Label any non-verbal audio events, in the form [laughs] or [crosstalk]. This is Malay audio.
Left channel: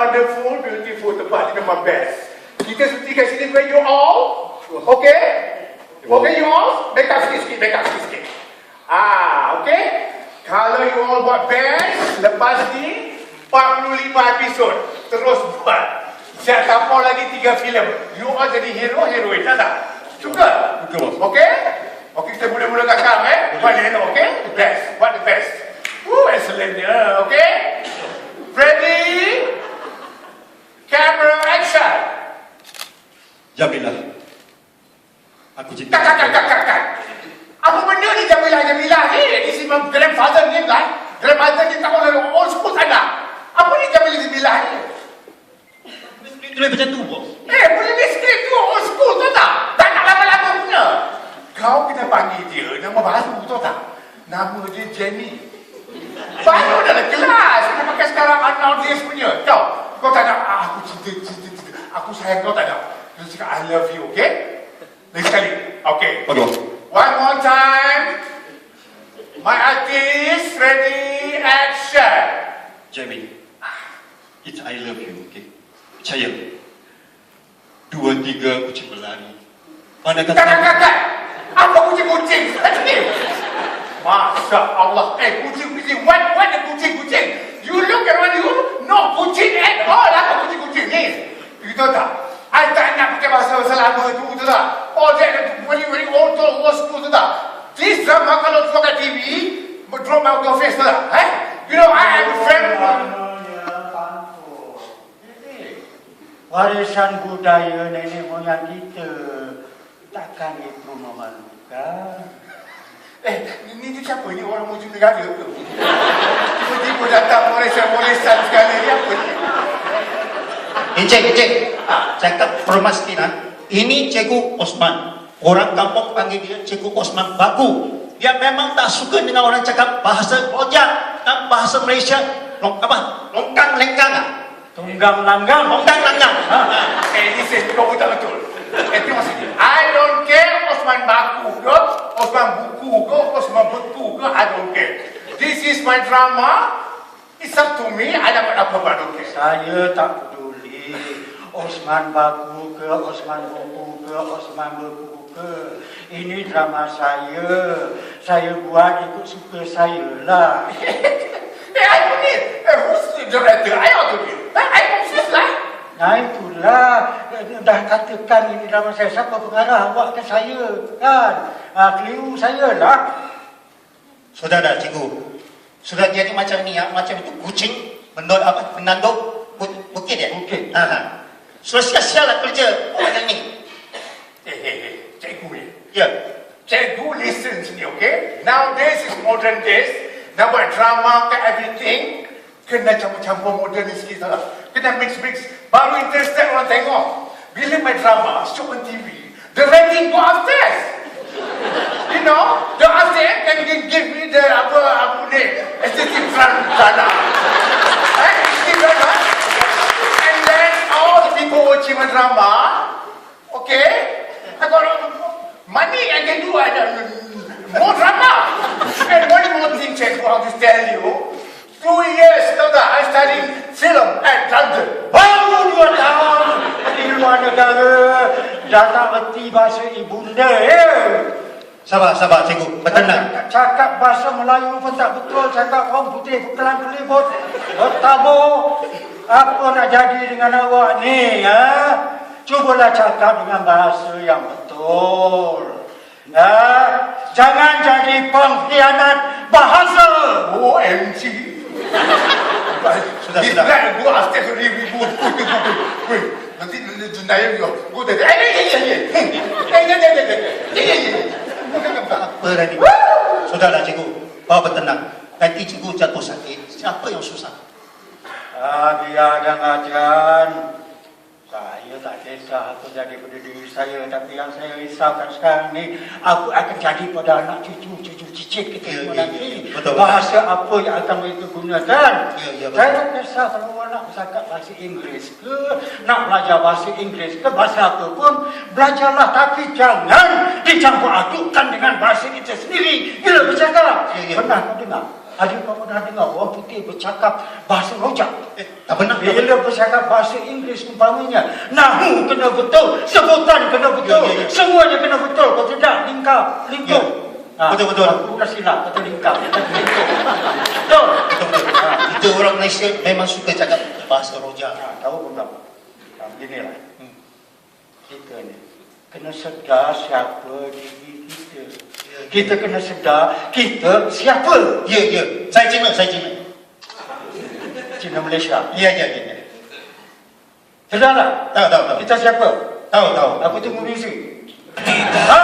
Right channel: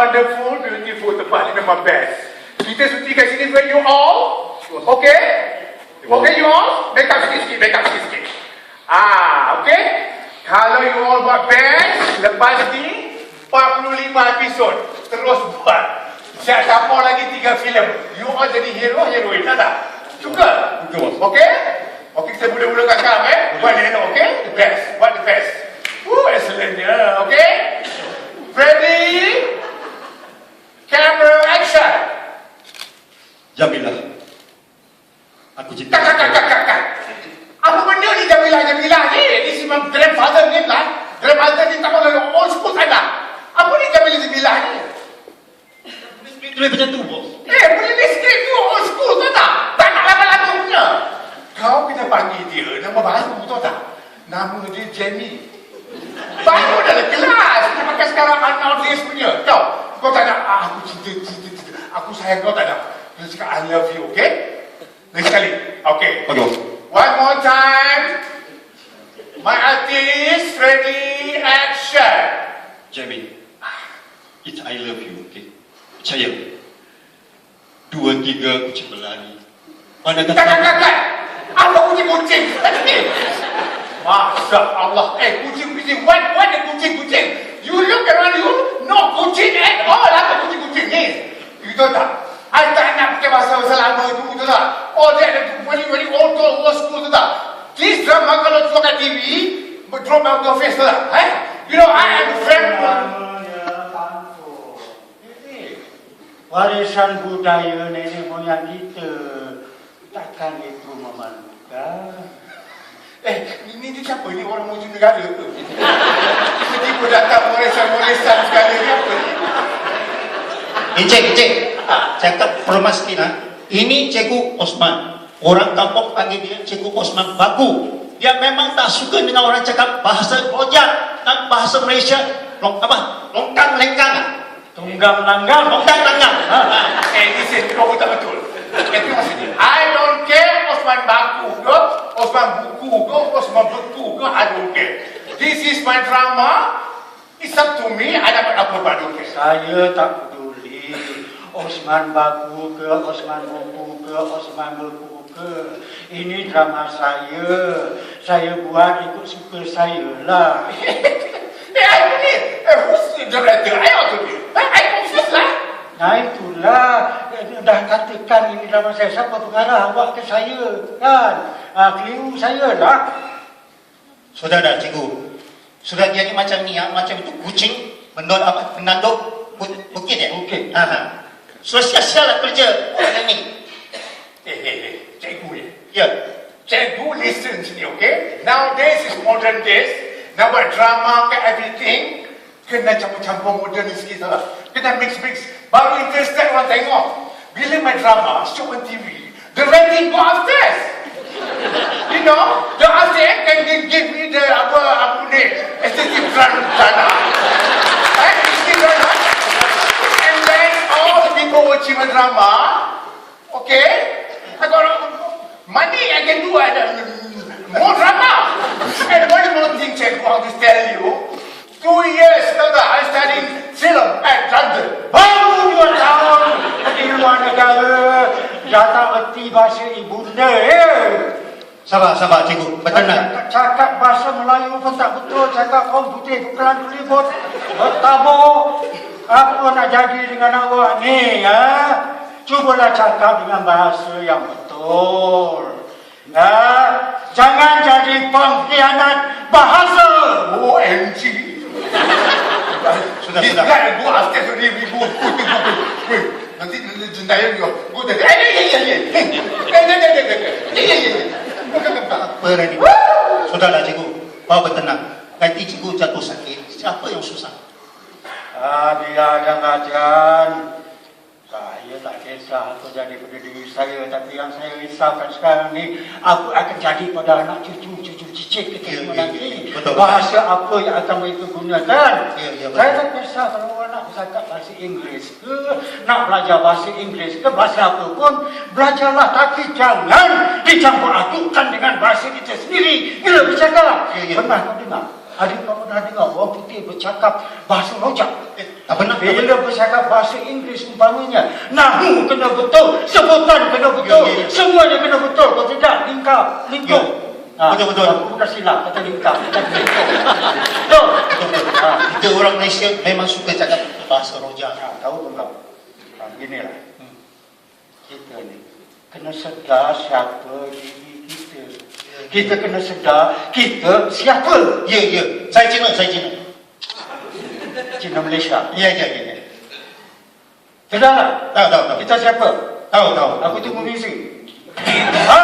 wonderful, beautiful tempat ni memang best. Kita cuti kat sini with you all. Okay? Okay you all? Make up sikit-sikit, make up sikit-sikit. Ah, okay? Kalau you all buat best, lepas ni 45 episod terus buat. Siap tapau lagi 3 filem. You all jadi hero, heroin, tak tak? Suka? Bos. Okay? Okay, kita mula-mulakan sekarang eh. Buat ni okay? The best. What the best? Woo, excellent. Yeah, okay? Ready? Grandfather ni tak mahu old school sana. Apa ni Jamila, Jamila ni? Itu macam tu, bos. Eh, boleh ni skrip tu old school tu tak? Tak nak lama-lama punya. Kau kena panggil dia nama baru tu tak? Nama dia Jenny. Baru dalam kelas. Dia pakai sekarang anak dia punya. Tahu? Kau tak nak, ah, aku cinta, cinta, cinta. Aku sayang kau tak nak. Dia cakap, I love you, okay? Lagi sekali. Okay. Bagus. One more time. My artist, ready, action. Jamie. It's I love you, okay? Percaya. Dua, tiga, aku cuma lari. Mana kata... tak. Apa kucing-kucing? Masya Allah. Eh, kucing-kucing. What, what the kucing-kucing? You look around you, no kucing at all. Apa kucing-kucing ni? Tahu tak? I tak nak pakai bahasa-bahasa lama tu, tu tak? Oh, dia very, very old, old, school, tu tak? This drama kalau tu kat TV, out your face, tak? Eh? You know, I am very... Namanya tanpa. Warisan budaya nenek moyang kita takkan itu memalukan. Eh, ni, ni siapa ni? Orang muslim negara ke? Tiba-tiba datang Malaysia-Malaysia sekali ni apa ni? Encik, encik. Cakap permastin ha. Ini Cikgu Osman. Orang kampung panggil dia Cikgu Osman Baku. Dia memang tak suka dengan orang cakap bahasa Rojak dan bahasa Malaysia. Long, apa? Longkang lengkang. ah. Tunggang langgang. Longkang langgang. Ha. Eh, this is no tak betul. Eh, tengok sini. I don't care Osman Baku ke, Osman Buku ke, Osman Betu ke, I don't care. This is my drama. It's up to me. I dapat apa don't care. Saya tak peduli. Osman Baku ke, Osman Buku ke, Osman Beku ke. Ini drama saya. Saya buat ikut suka saya lah. [laughs] Nah itulah dah katakan ini drama saya siapa pengarah awak ke saya kan ah, keliru saya lah Sudah dah Cikgu. Sudah jadi macam ni ya, macam itu kucing menol apa menanduk bu- bukit ya. Bukit. Ha. ha. So sia-sia lah kerja orang ini. Eh, eh, eh. Cikgu ni. Ya. Cikgu listen sini, okay? Nowadays is modern days. Buat drama ke everything. Kena campur-campur modern sikit lah. Kena mix-mix. Baru interested orang tengok. Bila main drama, show on TV, the rating go upstairs. You know, the upstairs can give, me the apa apa ni, aesthetic front sana. Eh, you? And then all the people watching my drama, okay? I got money I can do I can, more drama. And one more thing, check what to tell you. Two years, tak, I studying film at London. baru dua tahun di luar negara datang erti bahasa ibunda ya. Sabar, sabar Cikgu. Bertenang. cakap bahasa Melayu pun tak betul. Cakap orang putih kelang kelibut bertabur apa nak jadi dengan awak ni ya? Cubalah cakap dengan bahasa yang betul. Ya? Jangan jadi pengkhianat bahasa. OMG. Sudah, sudah. already, we go, go, go, go, go. Nanti nanti jendaya dia. Go there. Eh, eh, eh, eh, eh. Eh, eh, eh, eh, eh, eh. Eh, eh, eh. Apa tadi? Sudahlah Cikgu. Bawa bertenang. Nanti Cikgu jatuh sakit. Siapa yang susah? Ah, biar jangan jangan. Kisah apa jadi pada diri saya Tapi yang saya risaukan sekarang ni Apa akan jadi pada anak cucu, cucu cicit kita Ya, semua ya, nanti ya. Betul, Bahasa apa yang akan mereka gunakan Ya, ya, betul. Saya kisah kalau orang nak bercakap bahasa Inggeris ke Nak belajar bahasa Inggeris ke Bahasa apa pun Belajarlah tapi jangan dicampur adukkan dengan bahasa kita sendiri Bila bercakap Ya, ya. Pernah kau dengar Adik kau pernah dengar orang putih bercakap bahasa rojak? Eh, tak pernah. Bila bercakap bahasa Inggeris umpamanya, nahu kena betul, sebutan kena betul, Ya, ya, ya. semuanya kena betul. Kau tidak lingkar, lingkup. Ya. Betul, betul. Aku dah silap kata lingkar, kata lingkup. Betul. Ha, Kita orang Malaysia memang suka cakap bahasa rojak. ha, tahu ke belum? Ha, beginilah. Hmm. Kita ni kena sedar siapa diri kita. Kita kena sedar kita siapa. Ya, ya. Saya Cina, saya Cina. Cina Malaysia. Ya, ya, ya. ya. Sedar tak? Tahu, tahu, tahu. Kita siapa? Tahu, tahu. Aku tunggu misi. Ha!